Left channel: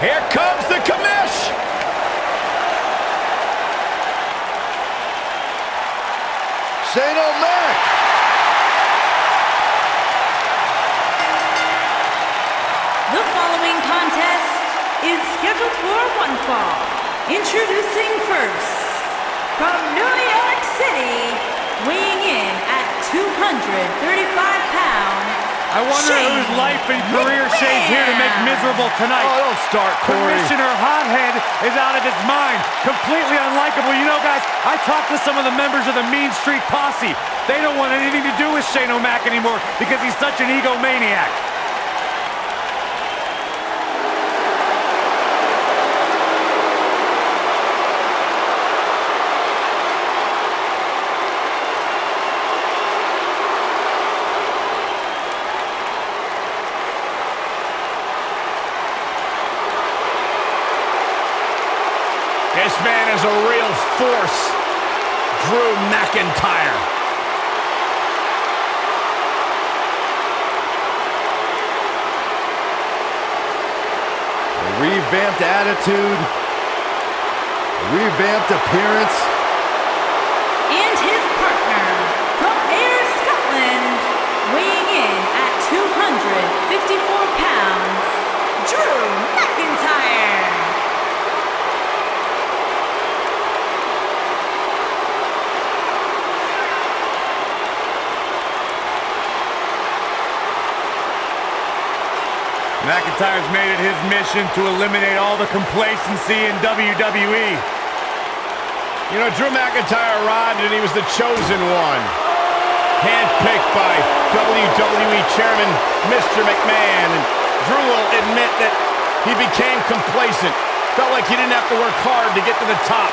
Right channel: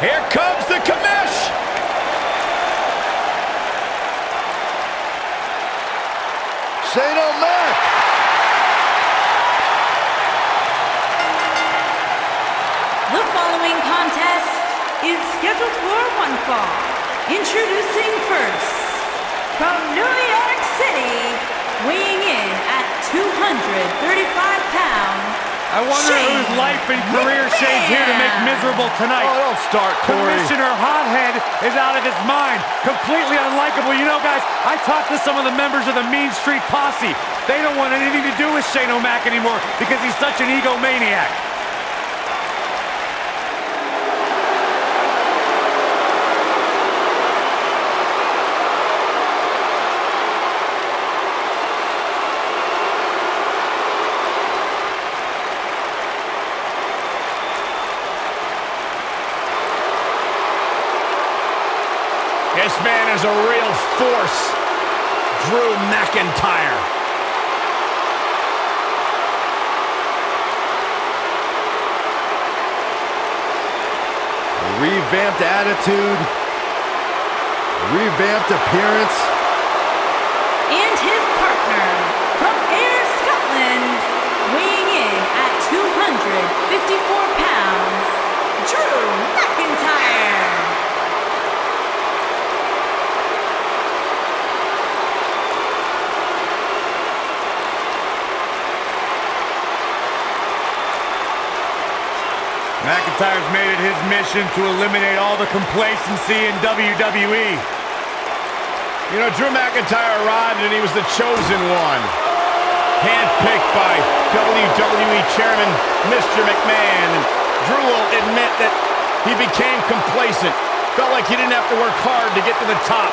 Here comes the commish. Shane O'Mac. The following contest is scheduled for one fall. Introducing first, from New York City, weighing in at 235 pounds, I wonder whose life and career Shane's here to make miserable tonight. Oh, don't start, Corey. Commissioner Hothead is out of his mind. Completely unlikable. You know, guys, I talked to some of the members of the Mean Street Posse. They don't want anything to do with Shane O'Mac anymore because he's such an egomaniac. This man is a real force, Drew McIntyre. A revamped attitude, revamped appearance. and his partner, from Ayr, Scotland, weighing in at 254 pounds, Drew McIntyre. McIntyre's made it his mission to eliminate all the complacency in WWE. You know, Drew McIntyre arrived and he was the chosen one. Handpicked by WWE Chairman Mr. McMahon. And Drew will admit that he became complacent. Felt like he didn't have to work hard to get to the top.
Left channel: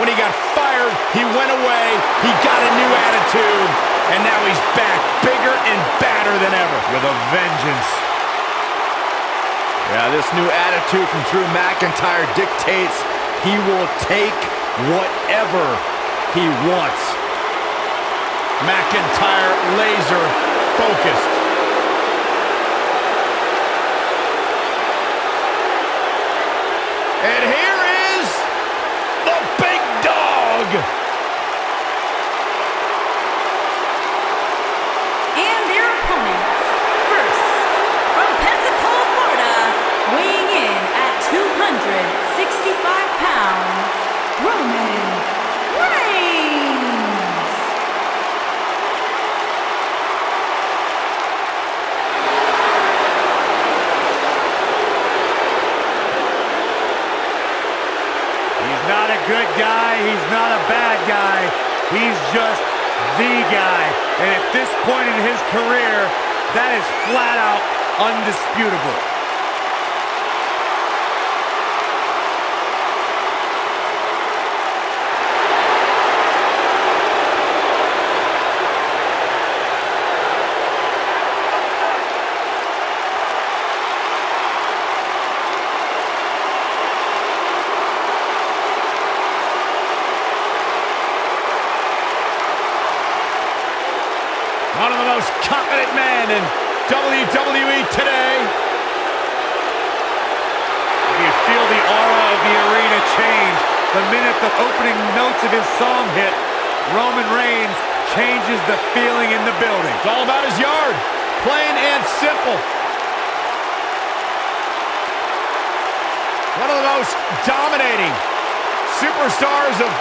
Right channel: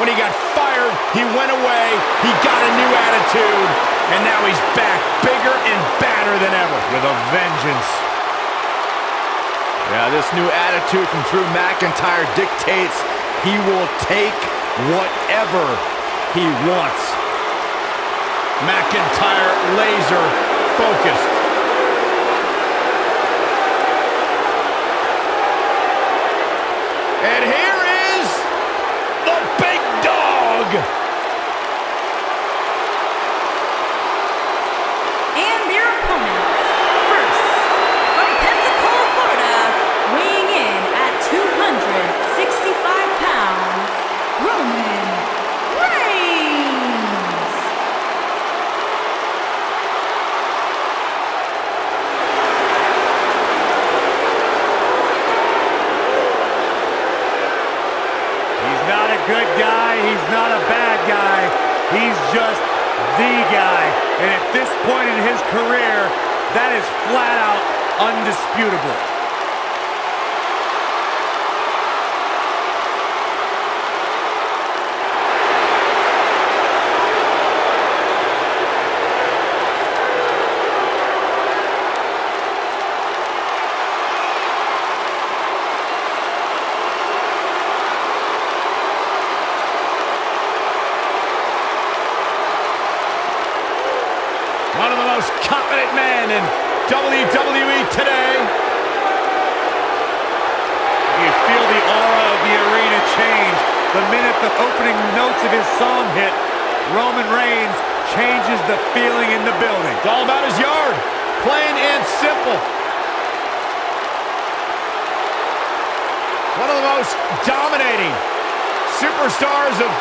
When he got fired, he went away, he got a new attitude, and now he's back, bigger and badder than ever. With a vengeance. Yeah, this new attitude from Drew McIntyre dictates he will take whatever he wants. McIntyre laser focused. And here is the big dog. And their opponents, first, from Pensacola, Florida, weighing in at 265 pounds, Roman Reigns. He's not a good guy, he's not a bad guy, he's just the guy. And at this point in his career, that is flat out undisputable. One of the most confident men in WWE today. You feel the aura of the arena change the minute the opening notes of his song hit. Roman Reigns changes the feeling in the building. It's all about his yard, plain and simple. One of the most dominating superstars of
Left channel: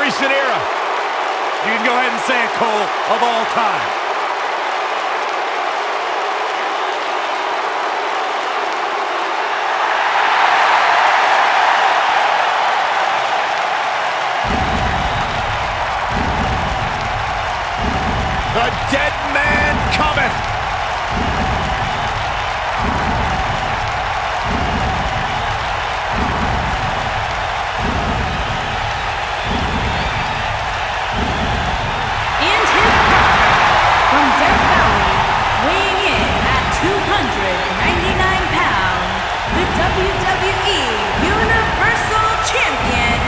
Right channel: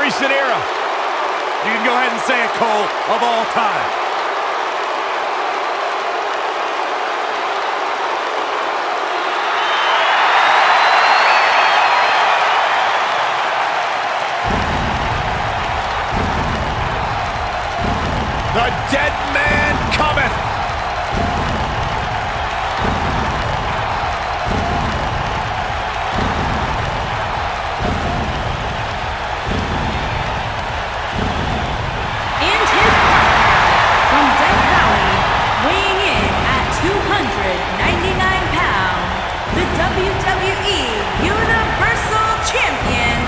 recent era. You can go ahead and say it, Cole, of all time. The dead man cometh. And his partner, from Death Valley, weighing in at 299 pounds, the WWE Universal Champion,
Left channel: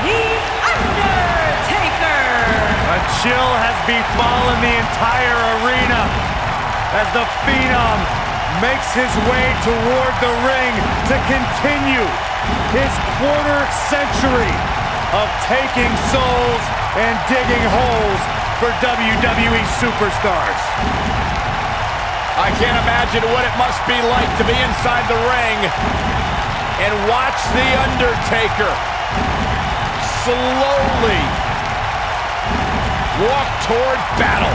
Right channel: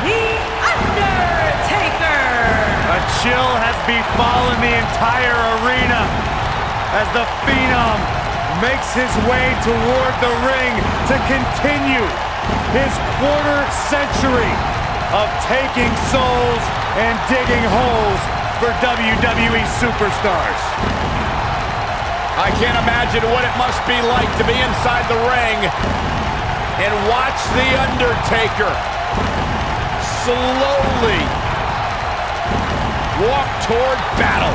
The Undertaker. A chill has befallen the entire arena as the Phenom makes his way toward the ring to continue his quarter century of taking souls and digging holes for WWE superstars. I can't imagine what it must be like to be inside the ring and watch The Undertaker slowly walk toward battle.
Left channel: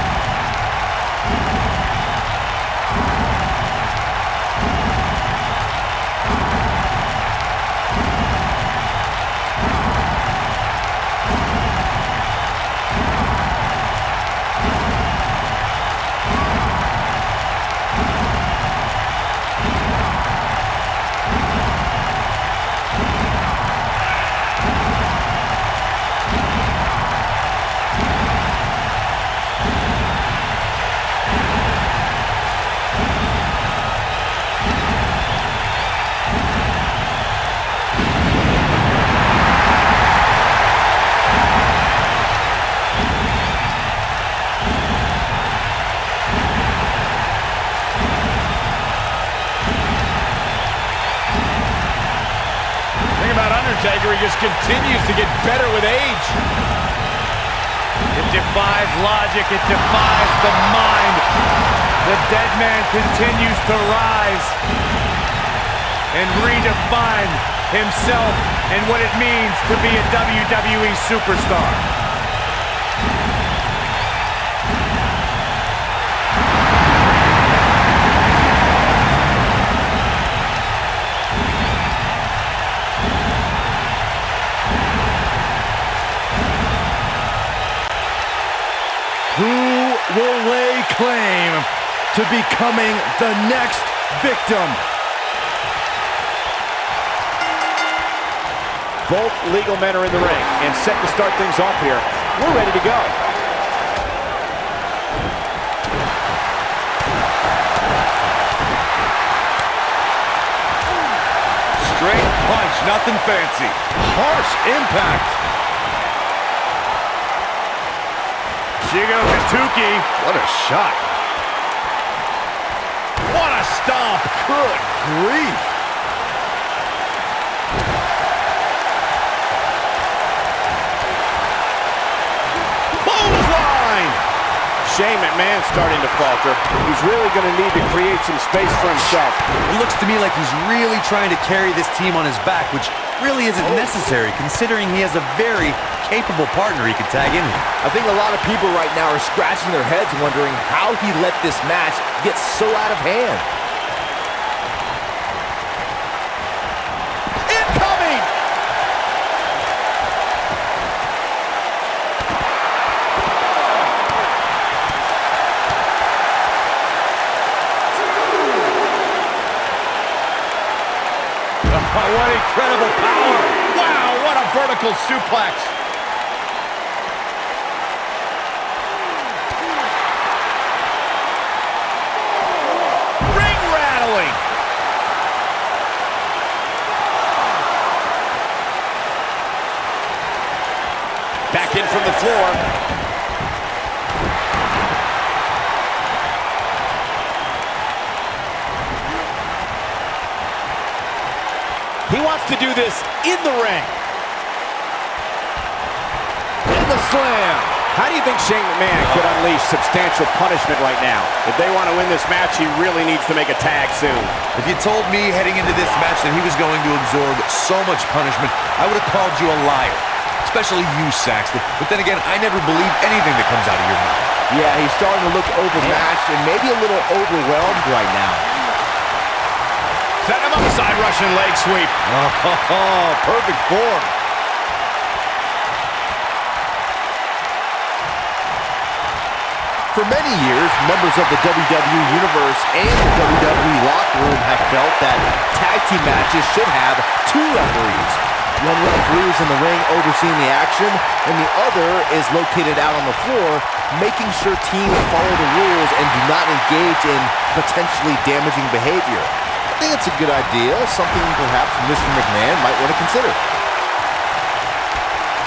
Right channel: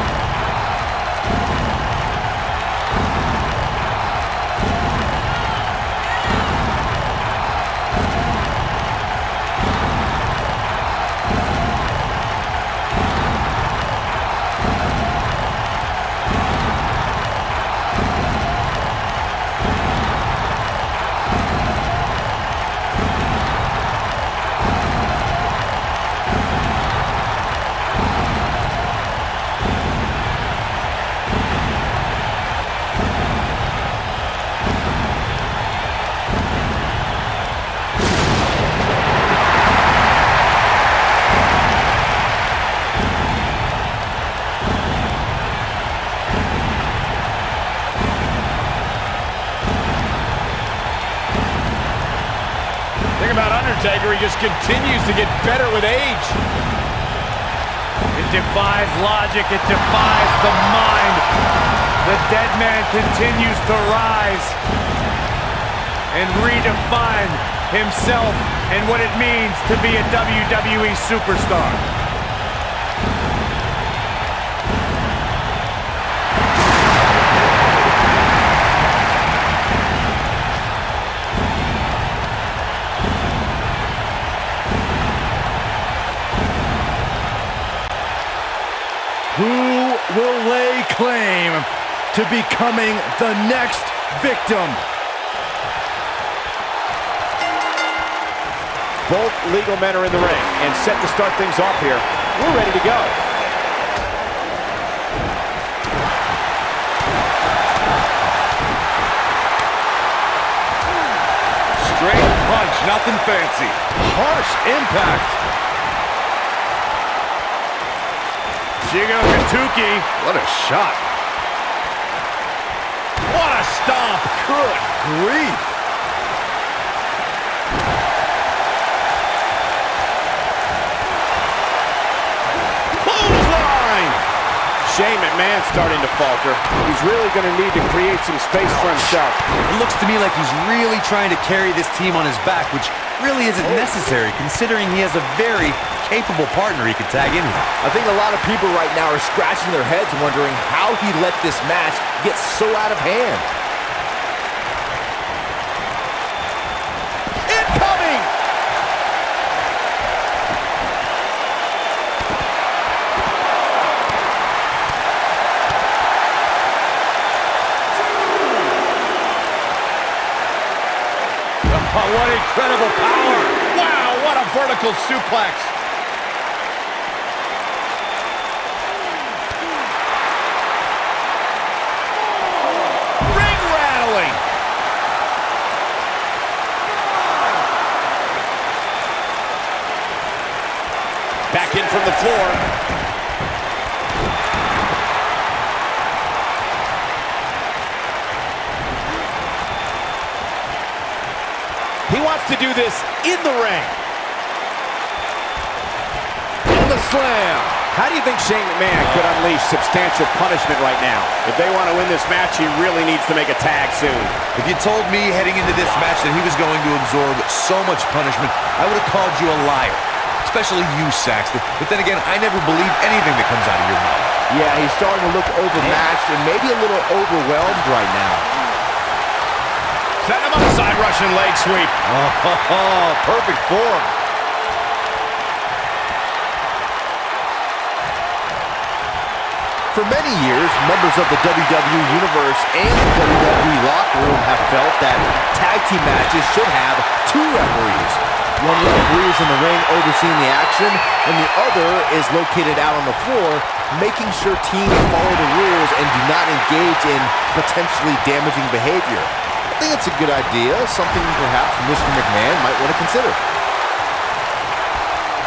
Think about Undertaker, he just continues to get better with age. It defies logic, it defies the mind. The dead man continues to rise and redefine himself and what it means to be a WWE superstar. Who will lay claim to becoming the next victim? Both legal men are in the ring and set to start things off here. We're ready to go. Straight punch, nothing fancy. Harsh impact. Jigo Katuki. What a shot. What a stomp. Good grief. Clothesline! Shane McMahon's starting to falter. He's really going to need to create some space for himself. It looks to me like he's really trying to carry this team on his back, which really isn't necessary considering he has a very capable partner he could tag in here. I think a lot of people right now are scratching their heads wondering how he let this match get so out of hand. Incoming! Oh, what incredible power! Wow, what a vertical suplex! Ring rattling! Back in from the floor. He wants to do this in the ring. In the slam. How do you think Shane McMahon could unleash substantial punishment right now? If they want to win this match, he really needs to make a tag soon. If you told me heading into this match that he was going to absorb so much punishment, I would have called you a liar. Especially you, Saxton. But then again, I never believe anything that comes out of your mouth. Yeah, he's starting to look overmatched and maybe a little overwhelmed right now. Setting him up, side Russian leg sweep. Oh, perfect form. For many years, members of the WWE Universe and the WWE locker room have felt that tag team matches should have two referees. One referee is in the ring overseeing the action, and the other is located out on the floor, making sure teams follow the rules and do not engage in potentially damaging behavior. I think it's a good idea, something perhaps Mr. McMahon might want to consider.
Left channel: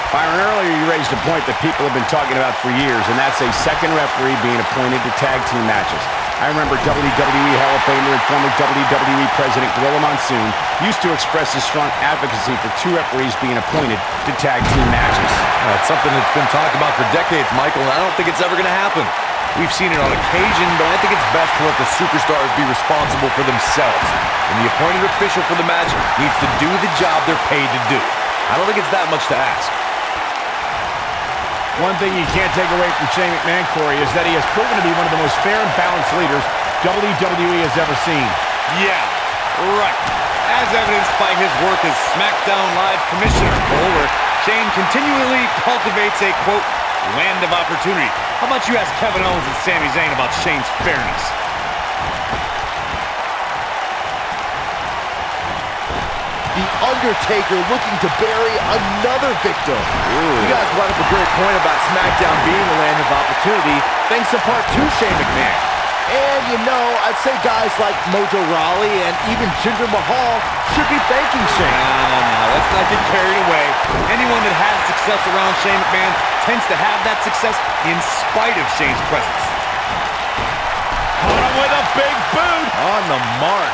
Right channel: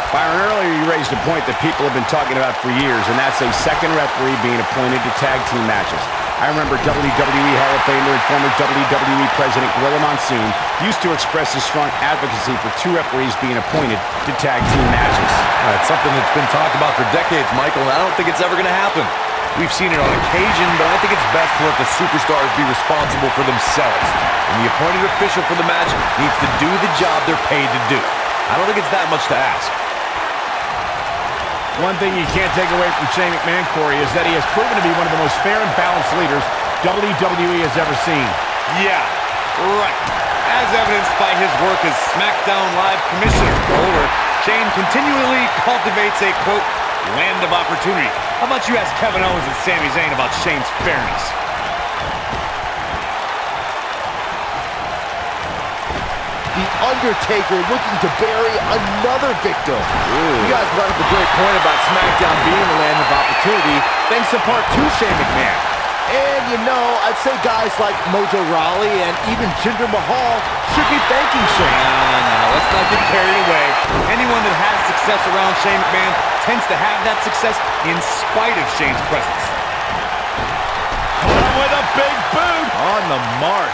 Byron, earlier you raised a point that people have been talking about for years, and that's a second referee being appointed to tag team matches. I remember WWE Hall of Famer and former WWE President Gorilla Monsoon used to express his strong advocacy for two referees being appointed to tag team matches. It's something that's been talked about for decades, Michael, and I don't think it's ever going to happen. We've seen it on occasion, but I think it's best to let the superstars be responsible for themselves. And the appointed official for the match needs to do the job they're paid to do. I don't think it's that much to ask. One thing you can't take away from Shane McMahon, Corey, is that he has proven to be one of the most fair and balanced leaders WWE has ever seen. Yeah, right. As evidenced by his work as SmackDown Live Commissioner, where Shane continually cultivates a, quote, land of opportunity. How about you ask Kevin Owens and Sami Zayn about Shane's fairness? The Undertaker looking to bury another victim. You guys brought up a great point about SmackDown being the land of opportunity, thanks in part to Shane McMahon. And you know, I'd say guys like Mojo Rawley and even Jinder Mahal should be thanking Shane. No. Let's not get carried away. Anyone that has success around Shane McMahon tends to have that success in spite of Shane's presence. Caught him with a big boot. On the mark.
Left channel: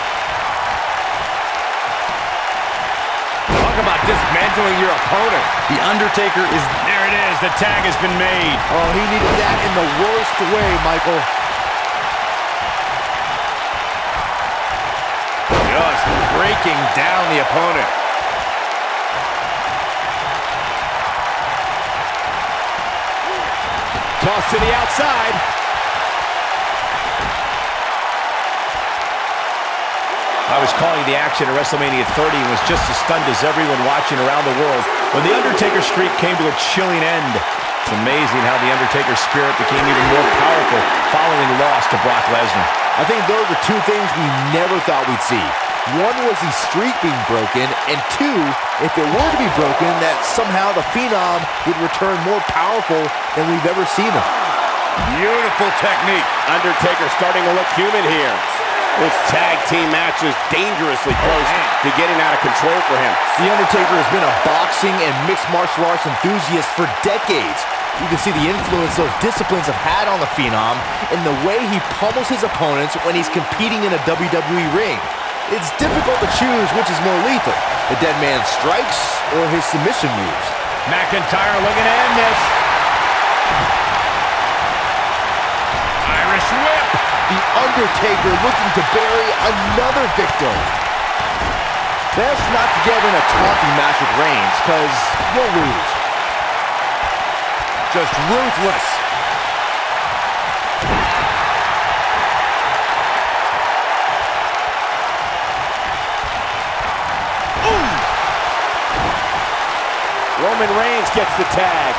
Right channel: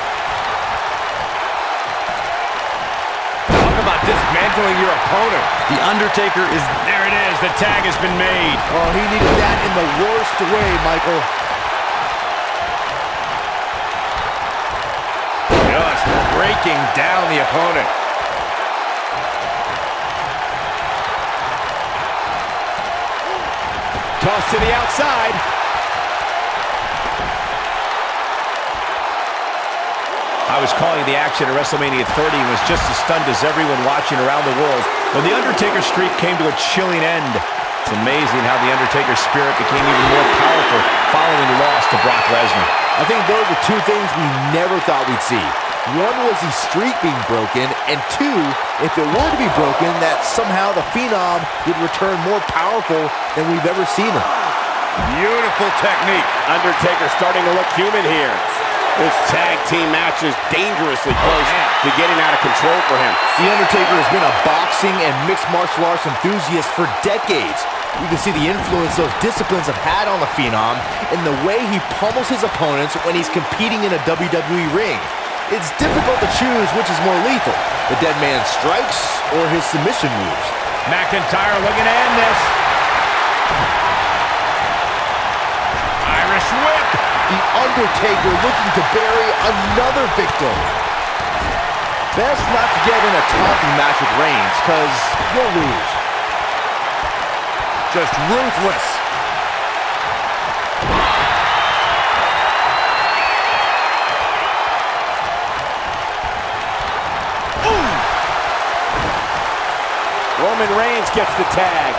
Talk about dismantling your opponent. The Undertaker is... There it is. The tag has been made. Oh, he needed that in the worst way, Michael. Just breaking down the opponent. Toss to the outside. I was calling the action at WrestleMania 30 and was just as stunned as everyone watching around the world when the Undertaker streak came to a chilling end. It's amazing how the Undertaker's spirit became even more powerful following the loss to Brock Lesnar. I think those are two things we never thought we'd see. One was the streak being broken, and two, if it were to be broken, that somehow the Phenom would return more powerful than we've ever seen him. Beautiful technique. Undertaker starting to look human here. This tag team match is dangerously close to getting out of control for him. The Undertaker has been a boxing and mixed martial arts enthusiast for decades. You can see the influence those disciplines have had on the Phenom in the way he pummels his opponents when he's competing in a WWE ring. It's difficult to choose which is more lethal, the dead man strikes or his submission moves. McIntyre looking to end this. Irish whip. The Undertaker looking to bury another victim. Best not to get in a taunting match with Reigns, because you'll lose. Just ruthless. Roman Reigns gets the tag.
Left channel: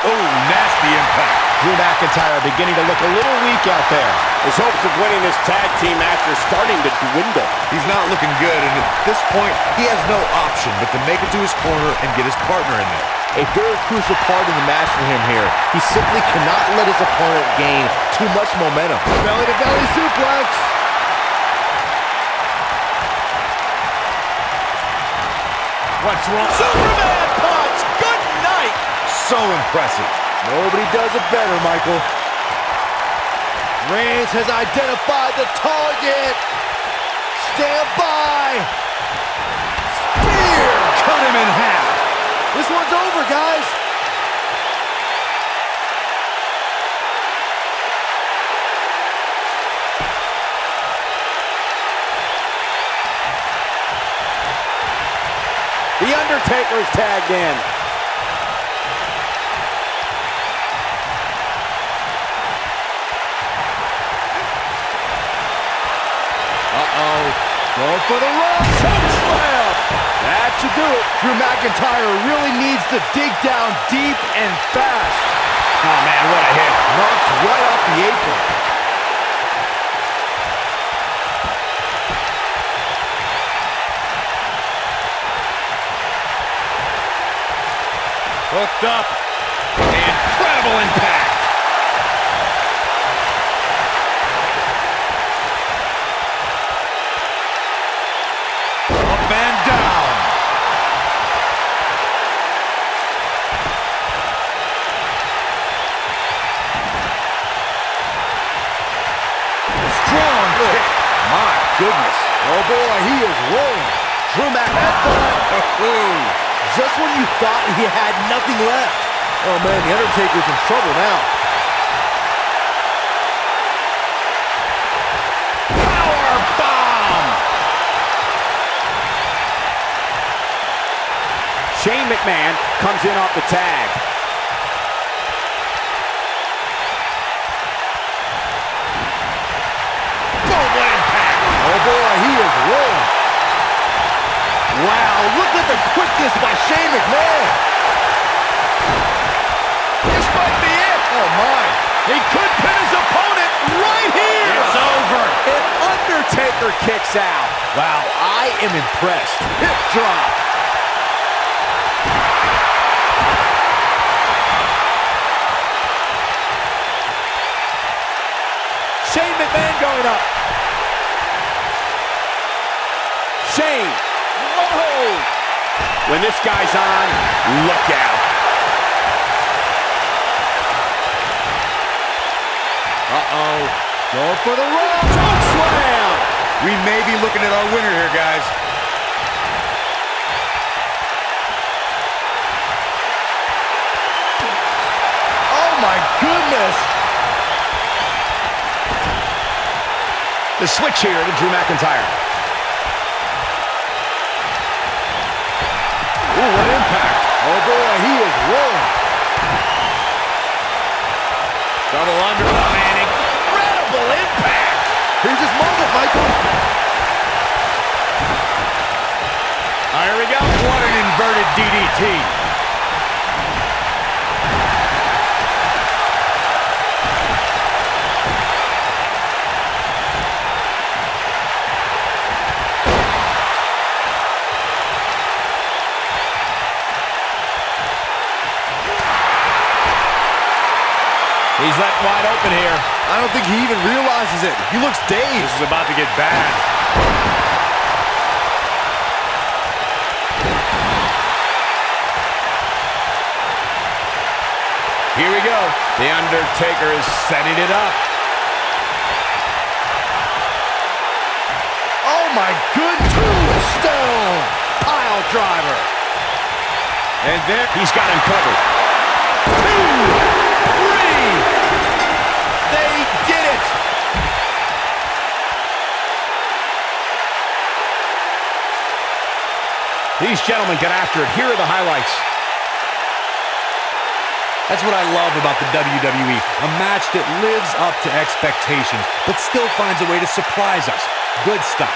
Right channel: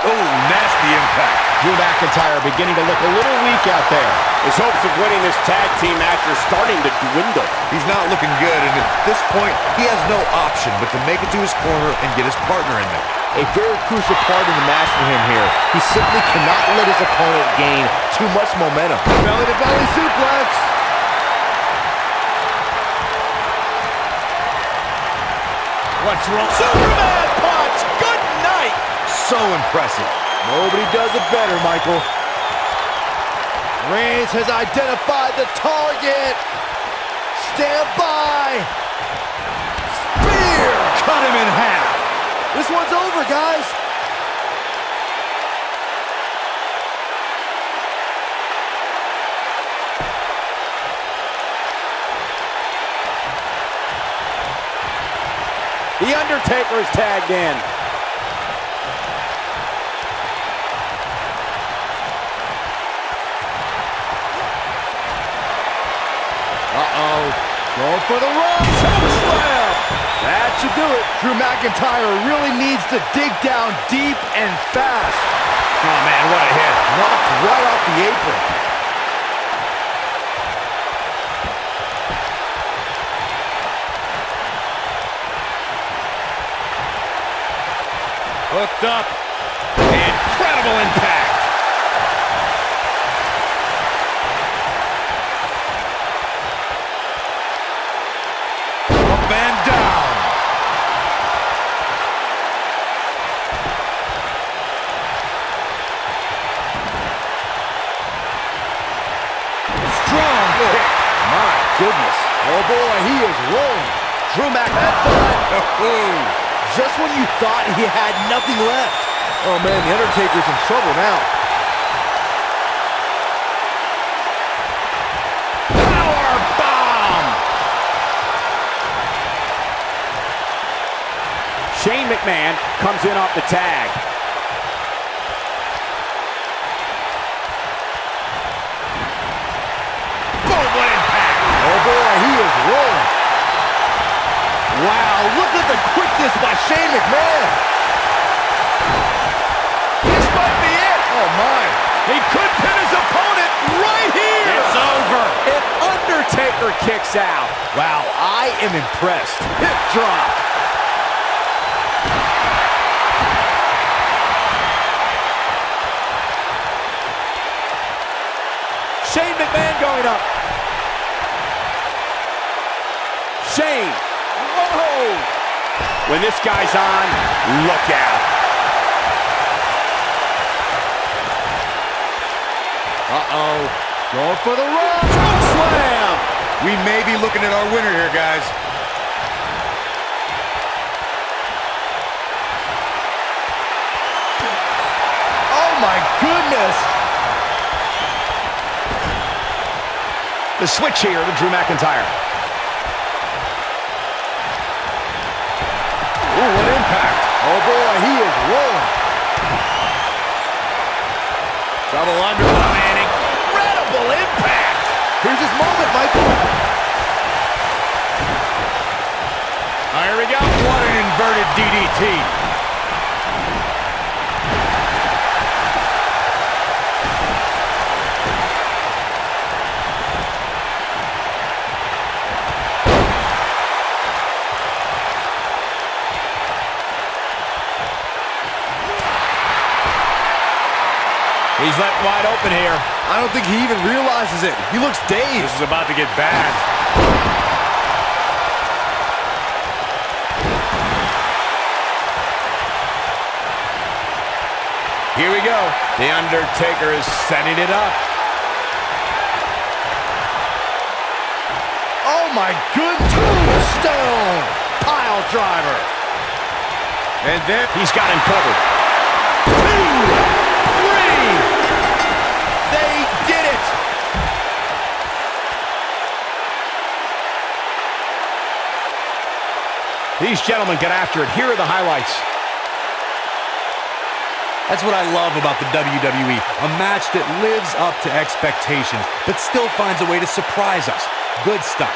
Oh, nasty impact. Drew McIntyre beginning to look a little weak out there. His hopes of winning this tag team match are starting to dwindle. He's not looking good, and at this point, he has no option but to make it to his corner and get his partner in there. A very crucial part in the match for him here. He simply cannot let his opponent gain too much momentum. Belly-to-belly suplex. What's wrong? Superman punch! Good night! So impressive. Nobody does it better, Michael. Reigns has identified the target. Stand by. Spear. Cut him in half. This one's over, guys. The Undertaker is tagged in. Uh-oh. Going for the run. Choke slam. That should do it. Drew McIntyre really needs to dig down deep and fast. Oh, man, what a hit. Knocked right off the apron. Hooked up. Incredible impact. Up and down. kick. My goodness. Oh boy, he is rolling. Drew Headbutt. Just when you thought he had nothing left. Oh man, The Undertaker's in trouble now. Power bomb! Shane McMahon comes in off the tag. Boom, what impact! Oh boy, he is rolling. Wow, look at the quickness by Shane McMahon. This might be it! Oh my. He could pin his opponent right here! It's over. And Undertaker kicks out. Wow, I am impressed. Hip drop. Shane McMahon going up. Shane. Whoa! When this guy's on, look out. Uh-oh. Going for the run. Choke slam. We may be looking at our winner here, guys. Oh my goodness. The switch here to Drew McIntyre. Ooh, what impact. Oh boy, he is rolling. Double underhook, man. Incredible impact! Here's his moment, Michael. Here we go. What an inverted DDT. He's left wide open here. I don't think he even realizes it. He looks dazed. This is about to get bad. Here we go. The Undertaker is setting it up. Oh my good tombstone pile driver. And there, he's got him covered. 2, 3. They did it. These gentlemen get after it. Here are the highlights. That's what I love about the WWE. A match that lives up to expectations, but still finds a way to surprise us. Good stuff.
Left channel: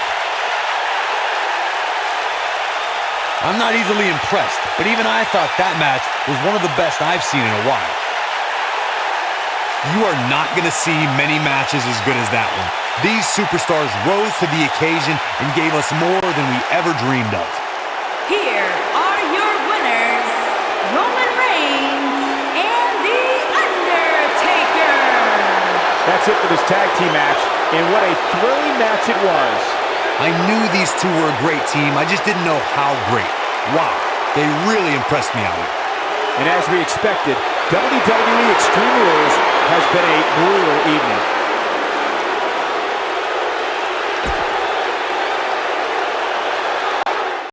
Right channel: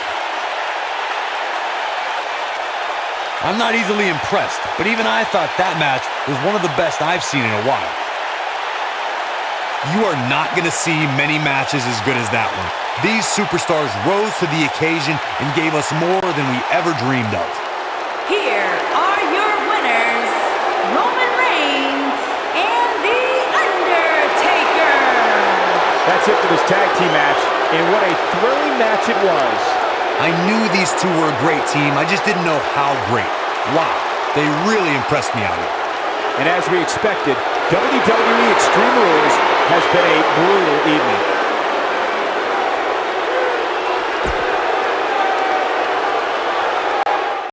I'm not easily impressed, but even I thought that match was one of the best I've seen in a while. You are not going to see many matches as good as that one. These superstars rose to the occasion and gave us more than we ever dreamed of. Here are your winners, Roman Reigns and The Undertaker. That's it for this tag team match, and what a thrilling match it was. I knew these two were a great team, I just didn't know how great. Wow, they really impressed me out here. And as we expected, WWE Extreme Rules has been a brutal evening.